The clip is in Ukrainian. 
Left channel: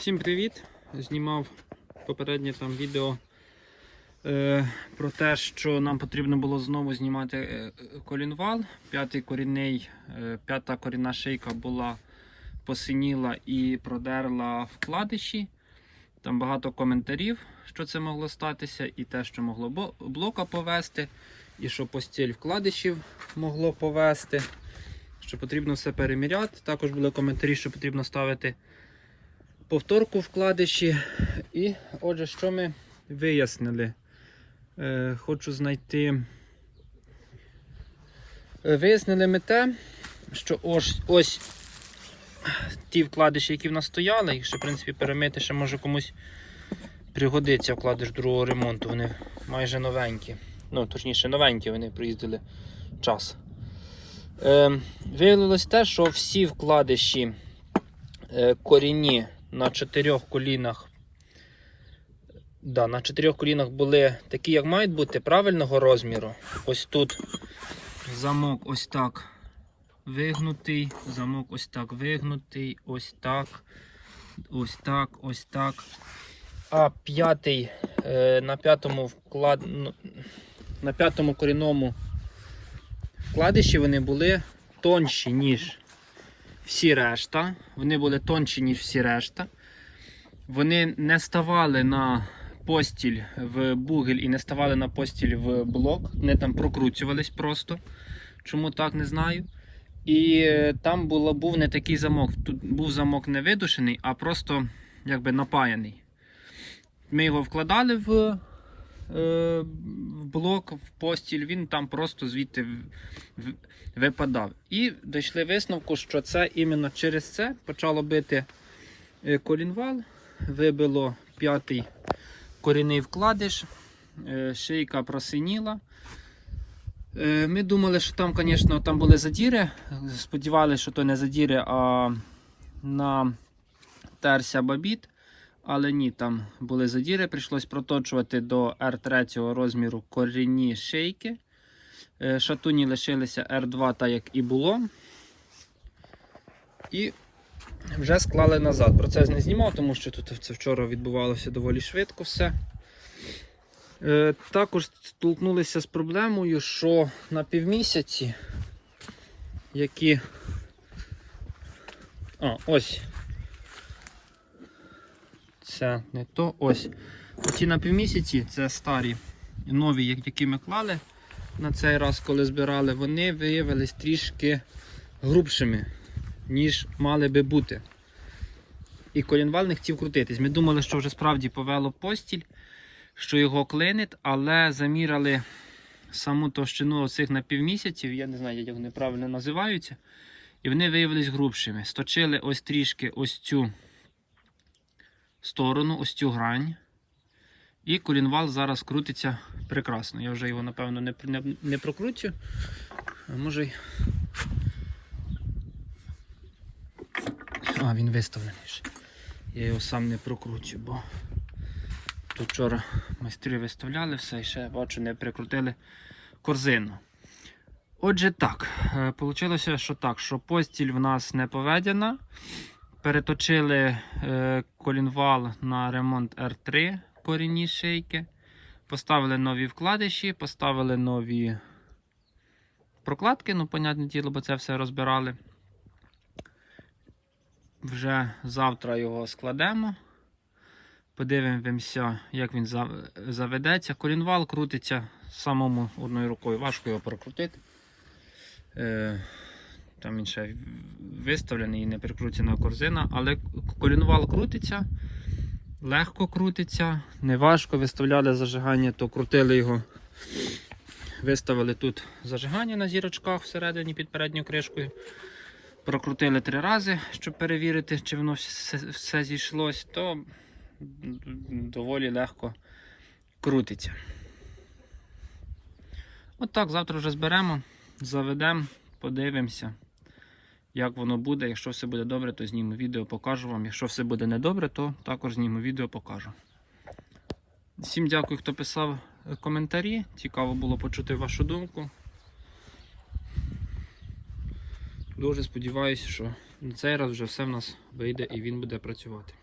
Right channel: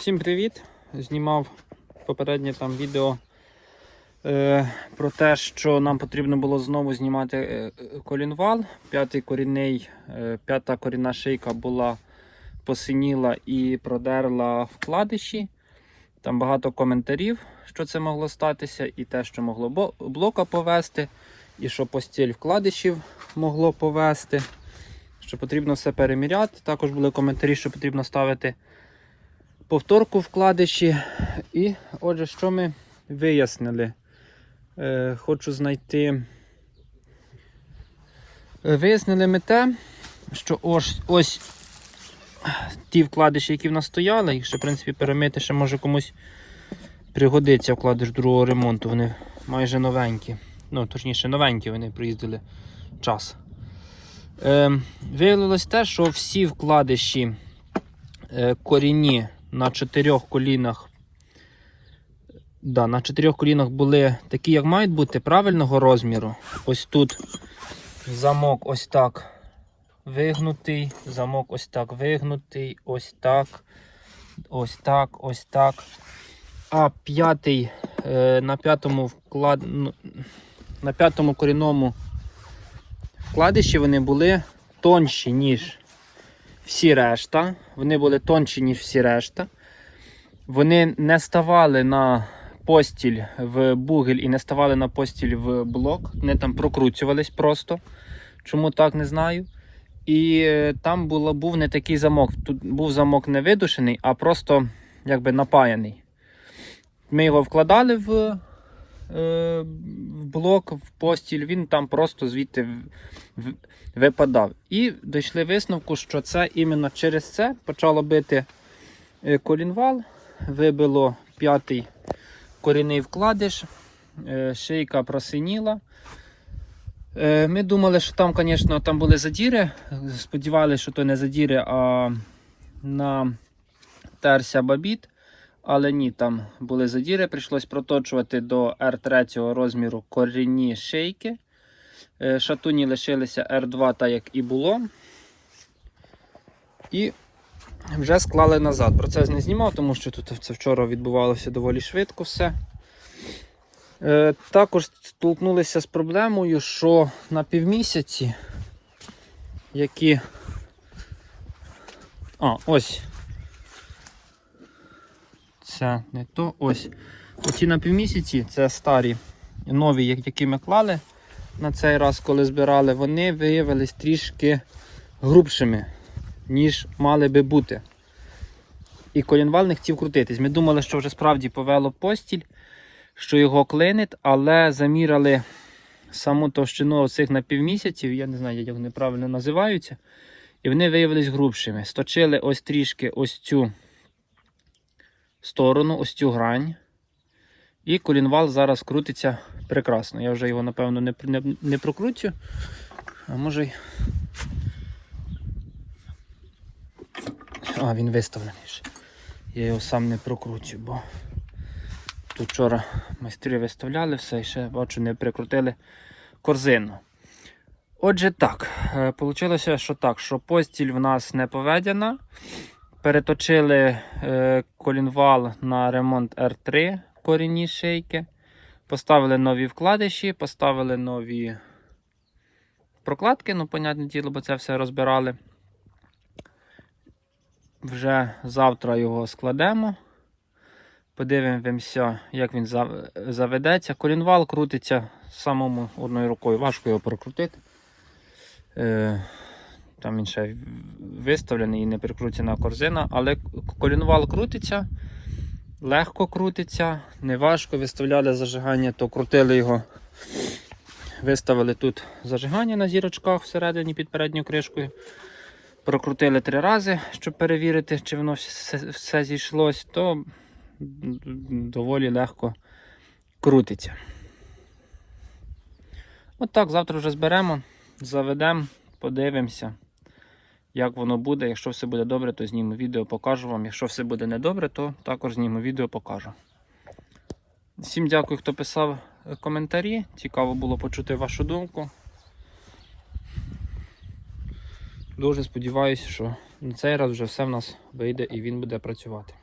Всім привіт! Знімав попереднє там відео е, про те, що нам потрібно було знову знімати е, колінвал. П'ятий корінний, е, п'ята корінна шийка була посиніла і продерла вкладиші. Там багато коментарів, що це могло статися, і те, що могло блока повести, і що постіль вкладишів могло повести. Що потрібно все переміряти. Також були коментарі, що потрібно ставити повторку вкладиші. І отже, що ми вияснили? Е, хочу знайти. Е, Вияснили ми те, що ось ось ті вкладиші, які в нас стояли, їх ще, в принципі, перемити ще може комусь пригодиться вкладиш другого ремонту. Вони майже новенькі. Ну, точніше, новенькі вони приїздили час. Е, виявилось те, що всі вкладиші е, корінні на чотирьох колінах. Да, на чотирьох колінах були такі, як мають бути, правильного розміру. Ось тут замок ось так вигнутий, замок ось так вигнутий, ось так, ось так, ось так. А п'ятий е, на п'ятому вклад... на п'ятому корінному вкладиші вони були тонші, ніж всі решта. Вони були тонші, ніж всі решта. Вони не ставали на постіль в бугель і не ставали на постіль в блок. Вони там прокручувались просто. Чому так, не знаю. І е, там було, був не такий замок. Тут був замок не видушений, а просто якби напаяний. Ми його вкладали в, е, в блок, в постіль, він там просто звідти випадав. І дійшли висновку, що це іменно через це почало бити е, колінвал, вибило п'ятий корінний вкладиш, е, шийка просиніла. Е, Ми думали, що там, звісно, там були задіри. Сподівалися, що то не задіри, а на терся бабіт. Але ні, там були задіри. Прийшлось проточувати до R3 розміру корінні шийки. Е, Шатуні лишилися R2, так як і було. І вже склали назад. Процес не знімав, тому що тут це вчора відбувалося доволі швидко все. Е, також столкнулися з проблемою, що на півмісяці, які. А, ось. Це то ось. Оці на півмісяці це старі нові, які ми клали на цей раз, коли збирали, вони виявились трішки грубшими, ніж мали би бути. І колінвал не хотів крутитись. Ми думали, що вже справді повело постіль, що його клинить, але заміряли саму товщину оцих напівмісяців, я не знаю, як вони правильно називаються. І вони виявились грубшими. Сточили ось трішки ось цю сторону, ось цю грань. І колінвал зараз крутиться прекрасно. Я вже його, напевно, не, не, не прокручу. А може й. А, він виставлений. Я його сам не прокручу, бо тут вчора майстри виставляли все і ще бачу, не прикрутили корзину. Отже, так, вийшло, що так, що постіль в нас не поведена. Переточили е, колінвал на ремонт R3 корінні шийки. Поставили нові вкладиші, поставили нові прокладки, ну, понятне діло, бо це все розбирали. Вже завтра його складемо. Подивимося, як він заведеться. Колінвал крутиться самому одною рукою. Важко його прокрутити. Там він ще виставлений і не прикручена корзина, але колінвал крутиться, легко крутиться, не важко. Виставляли зажигання, то крутили його. Виставили тут зажигання на зірочках всередині під передньою кришкою. Прокрутили три рази, щоб перевірити, чи воно все, все зійшлось, то доволі легко крутиться. От так, завтра вже зберемо, заведемо, подивимося, як воно буде. Якщо все буде добре, то зніму відео, покажу вам. Якщо все буде недобре, то також зніму відео, покажу. Всім дякую, хто писав е, коментарі. Цікаво було почути вашу думку. Дуже сподіваюся, що на цей раз вже все в нас вийде і він буде працювати.